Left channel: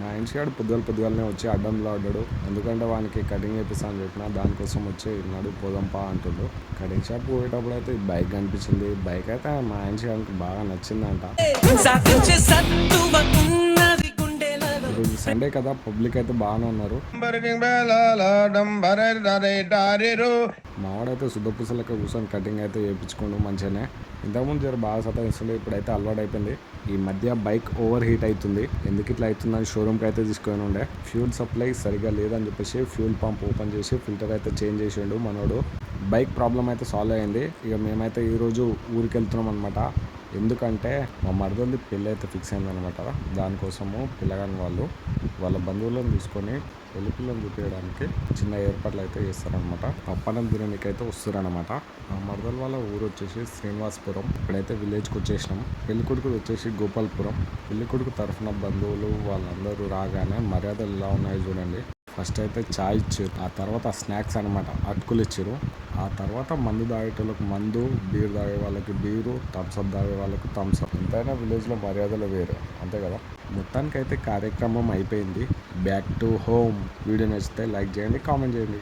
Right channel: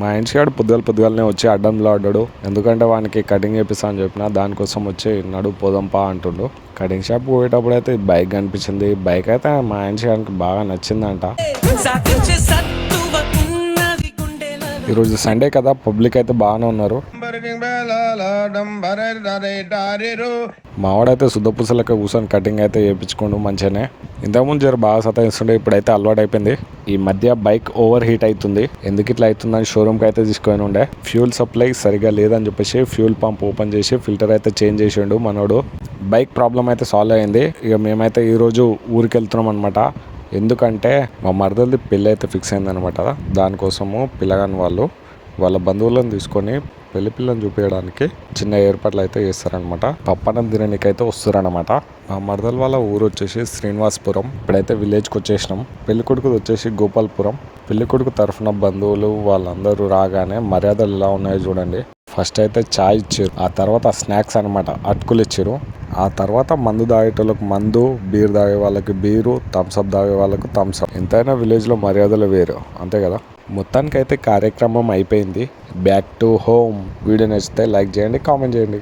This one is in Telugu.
మా ఇంటికాడు పొద్దుగాలనే వచ్చి అడ్డంలో ఆడాడు. ఎందుకంటే వానికి కటింగ్ చేపిస్తా అని చెప్పిన, దానికోసం వచ్చి నడు పోదంపా అంటుండు. కటింగ్ షాప్ పోయేటప్పుడు అయితే బైక్ కనిపించింది. బైక్ అయితే మా ఇంటికాడికి బాగా నచ్చిందంట. ఈరోజు సండే కదా, పబ్లిక్ అయితే బాగానే ఉన్నారు. మావాడైతే శుద్ధపూసలకి కూర్చొని కటింగ్ అయితే చేయించుకోండు మంచిగానే. ఇంతకుముందు జర బాగా సతాయిస్తుండే, ఇప్పుడైతే అలవాటు అయిపోయింది. ఈ మధ్య బైక్ ఓవర్ హీట్ అవుతుంది. ఎందుకు ఇట్లా అవుతుందని షోరూమ్కి అయితే తీసుకొని ఉండే. ఫ్యూల్ సప్లై సరిగా లేదని చెప్పేసి ఫ్యూల్ పంప్ ఓపెన్ చేసి ఫిల్టర్ అయితే చేంజ్ చేసిండు మనోడు. బైక్ ప్రాబ్లం అయితే సాల్వ్ అయింది. ఇక మేమైతే ఈరోజు ఊరికి వెళ్తున్నాం అనమాట. ఎందుకంటే మా మరదది పెళ్ళి అయితే ఫిక్స్ అయిందనమాట. దానికోసము పిల్లగాని వాళ్ళ బంధువులను తీసుకొని పెళ్లి పిల్లని చూపించడానికి చిన్న ఏర్పాట్లు అయితే చేస్తారనమాట. పప్పనం తినడానికి అయితే వస్తారనమాట. మా మరదల వాళ్ళ ఊరు వచ్చేసి శ్రీనివాసపురం. ఇప్పుడైతే విలేజ్కి వచ్చేసినాం. పెళ్లి కొడుకు వచ్చేసి గోపాల్పురం. పెళ్లి కొడుకు తరఫున బంధువులు వాళ్ళందరూ రాగానే మర్యాదలు ఎలా ఉన్నాయో చూడండి. ఫస్ట్ అయితే చాయ్ ఇచ్చారు, ఆ తర్వాత స్నాక్స్ అనమాట అటుకులు ఇచ్చారు. ఆ తర్వాత మందు తాగేటోళ్ళకి మందు, బీర్ తాగే వాళ్ళకి బీరు, థమ్స్అప్ తాగే వాళ్ళకి థమ్స్అప్. ఎంతైనా విలేజ్లో మర్యాదలు వేరు, అంతే కదా. మొత్తానికైతే కార్యక్రమం అయిపోయింది. Back to home. వీడియో నచ్చితే లైక్ చేయండి, కామెంట్ చేయండి.